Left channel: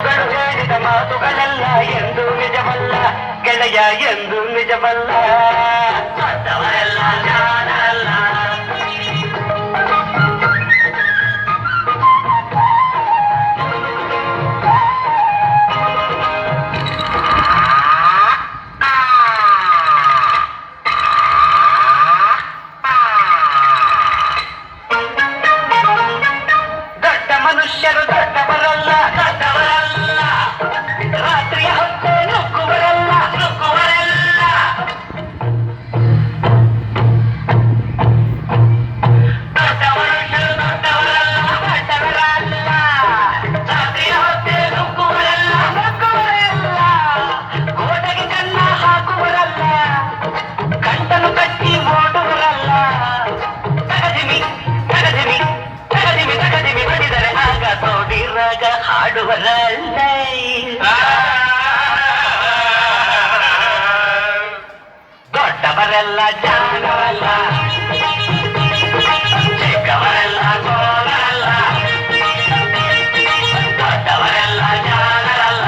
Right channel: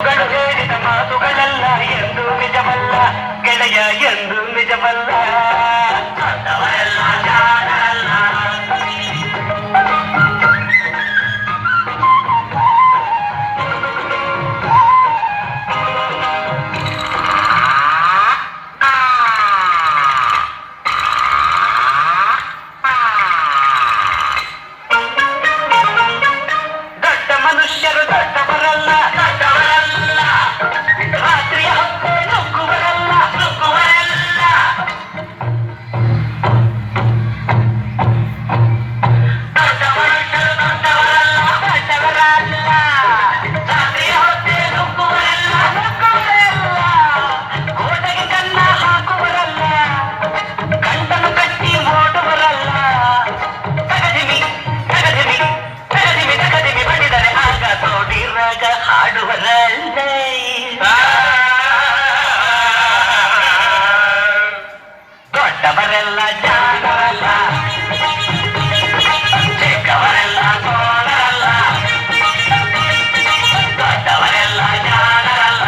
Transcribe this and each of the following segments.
ಹೇಳಿದ ಮಾತುಗಳೆಲ್ಲ ಎಂದು ನಿಜವಲ್ಲ ಗೆಳೆಯ ಎಂದು ನಿಜವಲ್ಲ ದೊಡ್ಡವರೆಲ್ಲ ಜಾಣರಲ್ಲ ದೊಡ್ಡ ಮನುಷ್ಯರು ದೊಡ್ಡವರಲ್ಲ ದೊಡ್ಡವರಲ್ಲ ರಾತ್ರಿಯ ಹೊತ್ತು ನುಗ್ಗುವರಲ್ಲ ನುಗ್ಗುವರಲ್ಲ ದೊಡ್ಡ ಮನುಷ್ಯರು ದೊಡ್ಡವರಲ್ಲ ದೊಡ್ಡವರಲ್ಲ ರಾತ್ರಿಯ ಹೊತ್ತು ನುಗ್ಗುವರಲ್ಲ ನುಗ್ಗುವರಲ್ಲ ಗೋಡೆಗೆ ಕನ್ನ ಹಾಕುವರಲ್ಲ ಗಂಟನು ಕಟ್ಟಿ ಓಡುವರಲ್ಲ ತಗದಿಮಿ ತಗದಿಮಿ ತಗದಿಮಿ ತಗದಿಮಿ ಬಡಿದರೆ ಆಗ ತೋಡಿರಾಗ ಹಾಡುವರಲ್ಲೇ ದೊಡ್ಡವರೆಲ್ಲ ಜಾಣರಲ್ಲ ಚಿಕ್ಕವರೆಲ್ಲ ತೋಳರಲ್ಲ ದೊಡ್ಡವರೆಲ್ಲ ಜಾಣರಲ್ಲ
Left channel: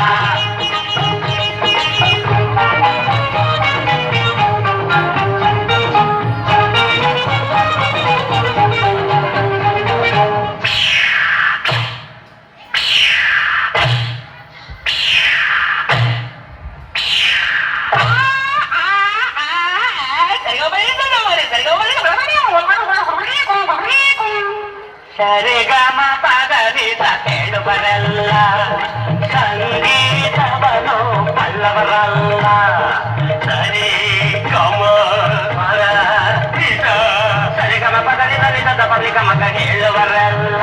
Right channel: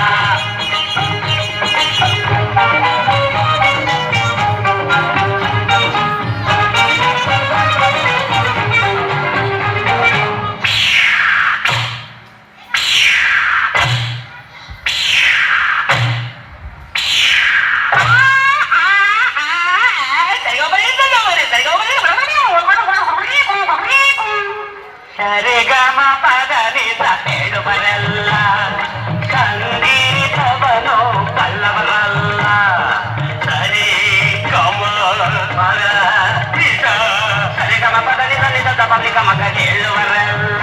ಸರಿಗಮ ಪದನಿಸ ಹೇಳುವರಲ್ಲ ಸಂಗೀತವನು ಬಲ್ಲವರಲ್ಲ ಸರಿ ಗಮ ಪದ ಸರಿಗಮ ಪದನಿಸ ನಿಜದ ಬಲಿಗಮಗ ಹೇಳುವರಲ್ಲ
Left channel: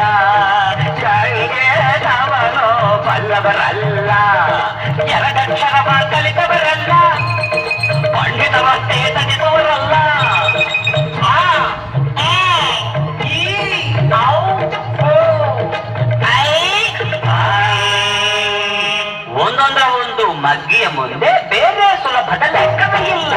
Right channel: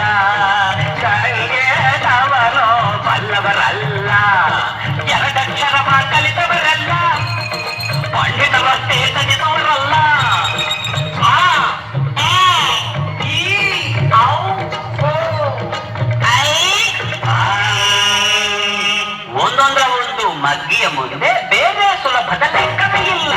ಸಂಗೀತವನು ಬಲ್ಲವರಲ್ಲ ಎರಡಕ್ಷರವ ಕಲಿತವರಲ್ಲ ಪಂಡಿತವಷ್ಟೇ ತಜಿಸುವರಲ್ಲ ಒಂದೊಂದರ ಒಂದು ಮಗ್ಗಿಯ ಮುಂದೆ ಬೇರೆ ಸುಲಭದ ಲೆಕ್ಕವೇ ಇಲ್ಲ